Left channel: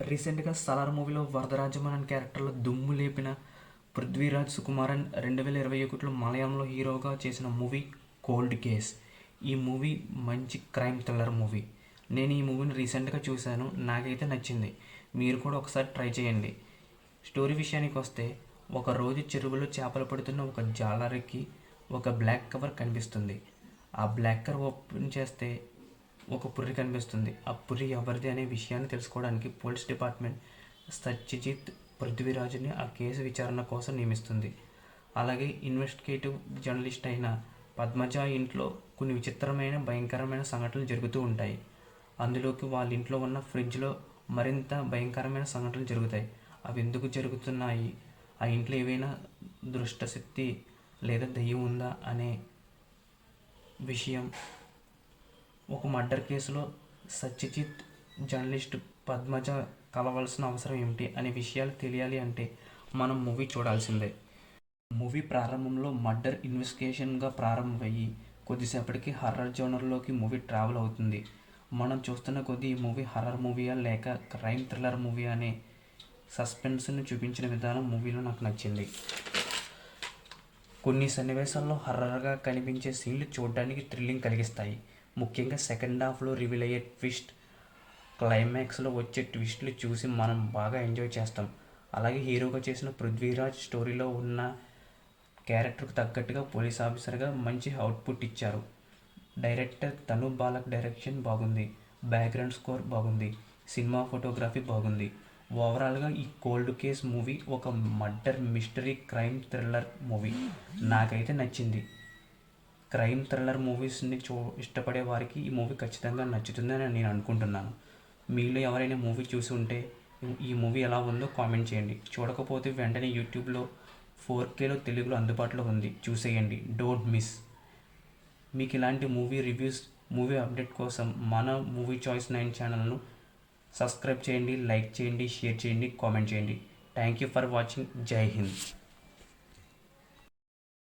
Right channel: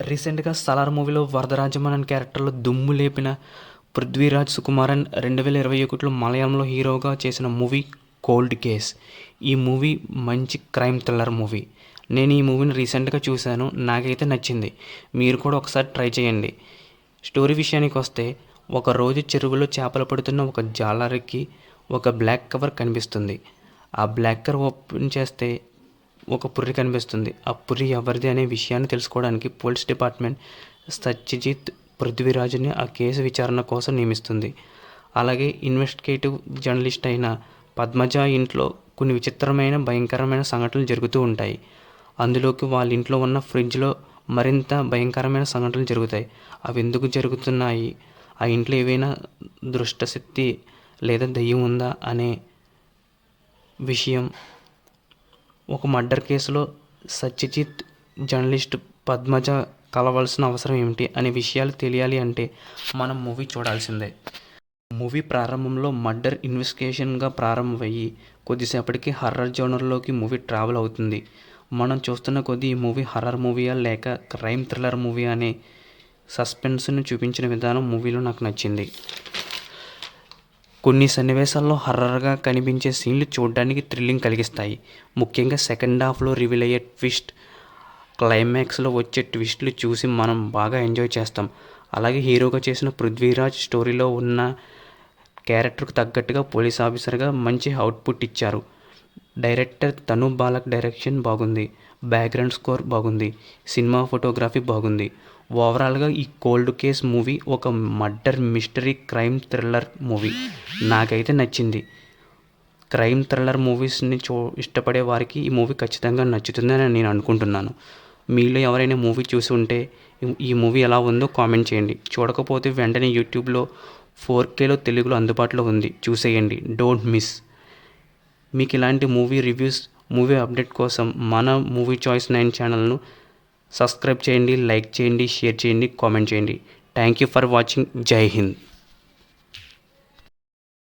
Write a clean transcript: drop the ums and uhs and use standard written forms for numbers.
రీసెంట్‌గా 'సలార్' మూవీలో వరదరాజమోహన్ క్యారెక్టర్‌లో దుమ్ము లేపిన పృథ్వీరాజ్ సుకుమారన్ 2021లో మలయాళంలో హీరోగా చేసిన మూవీ 'కోల్డ్ కేస్'. ఈ మూవీ మంచి క్రైమ్ థ్రిల్లర్ మూవీ. నేను ఈ మూవీని రీసెంట్‌గా చూశాను. నాకైతే నచ్చింది. మీరు కూడా ఒకసారి ట్రై చేయండి. స్టోరీ విషయానికొస్తే, ఒకరోజు చెరువులో చేపలు పడుతున్న ఒక జాలరికి ఒక బ్లాక్ కవర్ కనిపిస్తుంది. ఆ బ్లాక్ కవర్ ఓపెన్ చేస్తే ఒక పుర్రి కనిపిస్తుంది. ఆ పుర్రి ఎవరిది అనే విషయాన్ని తెలుసుకోవడానికి పోలీస్ డిపార్ట్మెంట్ సత్యజిత్ పృథ్వీరాజ్ని ఆ కేసు విచారణ కోసం నియమిస్తుంది. అలాగే ఇన్వెస్టిగేటివ్ జర్నలిస్ట్ అయిన పద్మజ ఇంట్లో కొన్ని విచిత్రమైన భయంకరమైన సంఘటనలు జరుగుతూ ఉంటాయి. అందులోకి వాళ్ళ ఇంట్లో ఉన్న ఫ్రిడ్జ్లో మరింత భయంకరమైన సంఘటనలు జరుగుతాయి. అవి ఎందుకు జరుగుతున్నాయి, ఆ ఇంట్లో ఏవైనా దుష్టశక్తి లేదా దెయ్యం ఉందా అనే విషయం, ఒక మర్డర్ కేసులో సత్యజిత్ జర్నలిస్ట్ పద్మజ కలవాల్సిన అవసరం ఏమిటి అనే విషయాలు తెలియాలి అంటే మనం మూవీ చూడాల్సిందే. మూవీ ప్రారంభంలో మర్డర్ ఇన్వెస్టిగేషన్గా ప్రారంభమయ్యి కొద్దిసేపటికి హర్రర్ జోనర్లోకి మూవీ ట్రావెల్ అవుతుంది. మనం చూస్తున్న కొద్దీ ఈ మూవీ హర్రర్ మూవీయా లేక క్రైమ్ థ్రిల్లర్ మూవీ అనే సస్పెన్స్ని చూపించిన విధానం మూవీలో నాకు నచ్చింది. కొన్ని సన్నివేశాల్లో హర్రర్గా కనిపించే సీన్లు చూడడానికి థ్రిల్లింగ్ కలిగిస్తాయి. ముఖ్యంగా సెకండ్ హాఫ్లో రివీల్ అయ్యే ట్విస్ట్, క్లైమాక్స్లో వచ్చే ట్విస్ట్లు చూసి మనం బాగా ఎంజాయ్ చేస్తాం. అలాగే హీరోగా చేసిన పృథ్వీరాజ్ స్టోరీలో ఉన్న క్యారెక్టర్కు తగ్గట్టుగా పోలీస్ ఆఫీసర్గా మంచి అవుట్పుట్ ఇచ్చారు. డైరెక్టర్ తను బాలక్ డైరెక్షన్ బాగుంది. బ్యాక్గ్రౌండ్ స్కోర్ బాగుంది. సినిమా ఫోటోగ్రఫీ బాగుంది. ఓవరాల్గా ఈ కోల్డ్ కేస్ మూవీ ఒక murder mystery crime thriller movie. నాకైతే నచ్చింది. క్రైమ్ థ్రిల్లర్ మూవీస్ని ఇష్టపడే వారికి ఈ మూవీ ఖచ్చితంగా నచ్చుతుందని నేను అనుకుంటున్నాను. మీలో ఎవరైనా మూవీ చూసి ఉంటే ఈ మూవీ ఎలా ఉందో కామెంట్ చేయండి. చూడకపోతే వెంటనే యూట్యూబ్లో 4Kలో తెలుగులో అందుబాటులో ఉంది, చూసేయండి. Don't miss. మీకు ఇలాంటి మూవీ రివ్యూస్, మూవీ అప్డేట్ కోసం మన మూవీ చాయిస్ 9 ఛానల్ను సబ్స్క్రైబ్ చేయండి, లైక్ చేయండి, షేర్ చేయండి, కామెంట్ చేయండి. Thank you for watching. జై హింద్.